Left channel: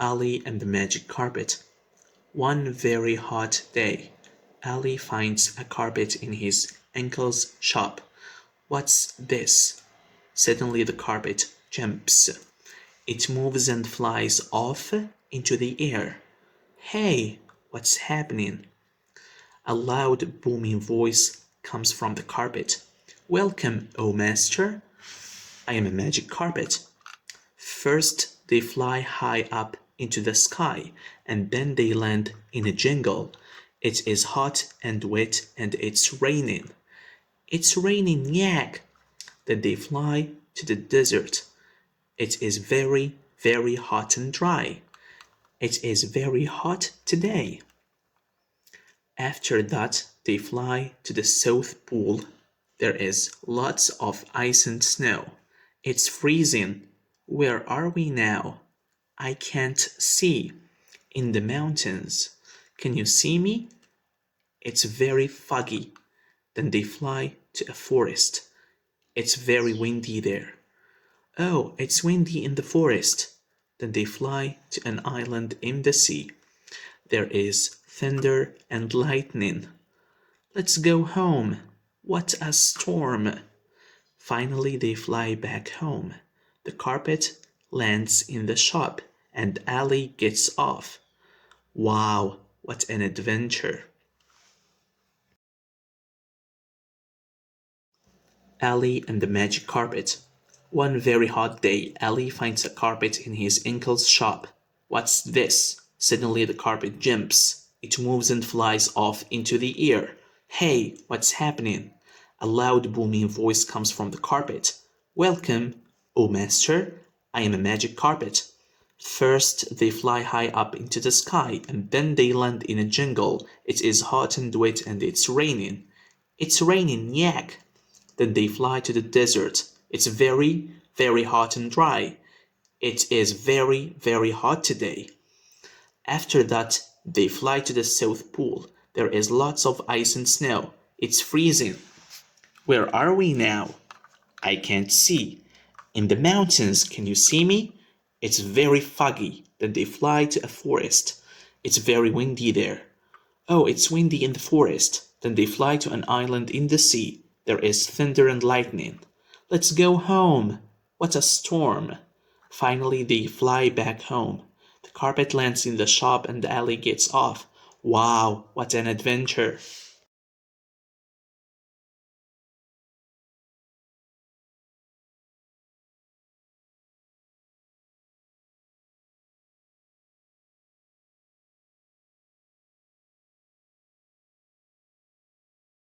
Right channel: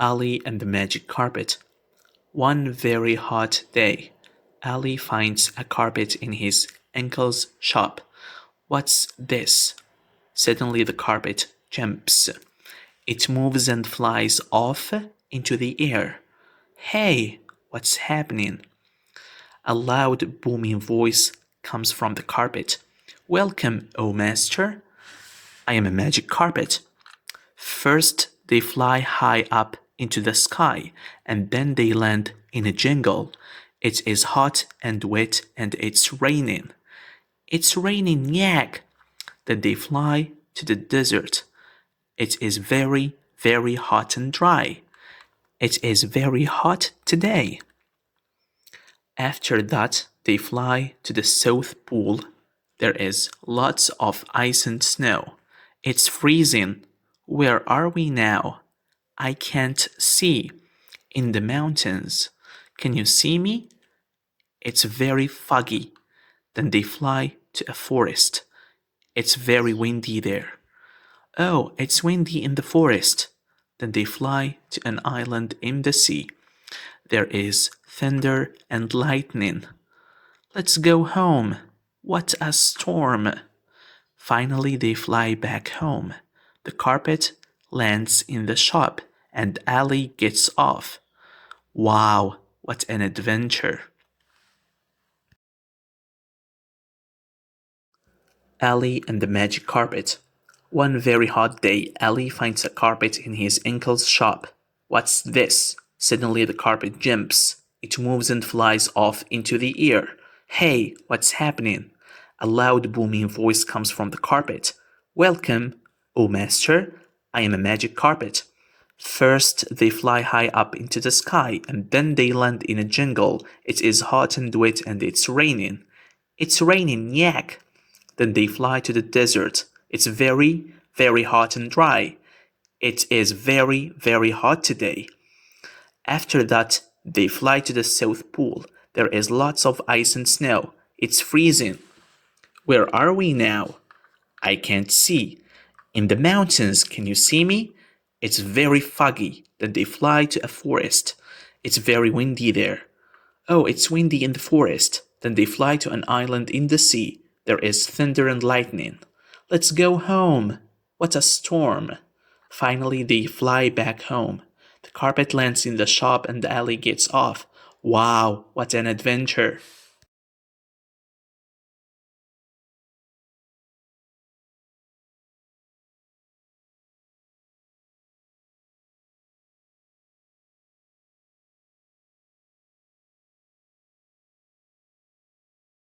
Ali and the Magic Carpet. One very hot day, Ali finds a carpet in his uncle's shop. What's this? Suddenly the carpet jumps. It moves and flies off into the air. Hey, what's happening? A loud booming voice comes from the carpet. Welcome, O Master. I am a magic carpet. First, they fly high up into the sky, and then they land in a jungle. It is hot and wet, and it's raining. It's raining, yak! Then they fly to the desert. It is very, very hot and dry. It is very hot today. After that, they fly to the South Pole. There is lots of ice and snow. It's freezing. Where are we now? I can't see. In the mountains. Can you see me? It's very foggy. Then they fly to a forest. It's very windy there. Oh, it's windy in the forest. Then they fly to an island in the sea. There is thunder and lightning. Let's go home. What a storm. Finally, they fly back home. The carpet lands in the shop, and Ali gets off. Wow, what an adventure. Ali and the Magic Carpet. One very hot day, Ali finds a carpet in his uncle's shop. What's this? Suddenly the carpet jumps. It moves and flies off into the air. Hey, what's happening? A loud booming voice comes from the carpet. Welcome, O Master. I am a magic carpet. First, they fly high up into the sky, and then they land in a jungle. It is hot and wet, and it's raining. It's raining, yak! Then they fly to the desert. It's very, very hot and dry. It is very, very hot today. After that, they fly to the South Pole. There is lots of ice and snow. It's freezing. Where are we now? I can't see. In the mountains, can you see me? It's very foggy. Then they fly to a forest. It's very windy there. Oh, it's windy in the forest. Then they fly to an island in the sea. There is thunder and lightning. Let's go home. What a storm. Finally, they fly back home. The carpet lands in the shop and Ali gets off. Wow, what an adventure.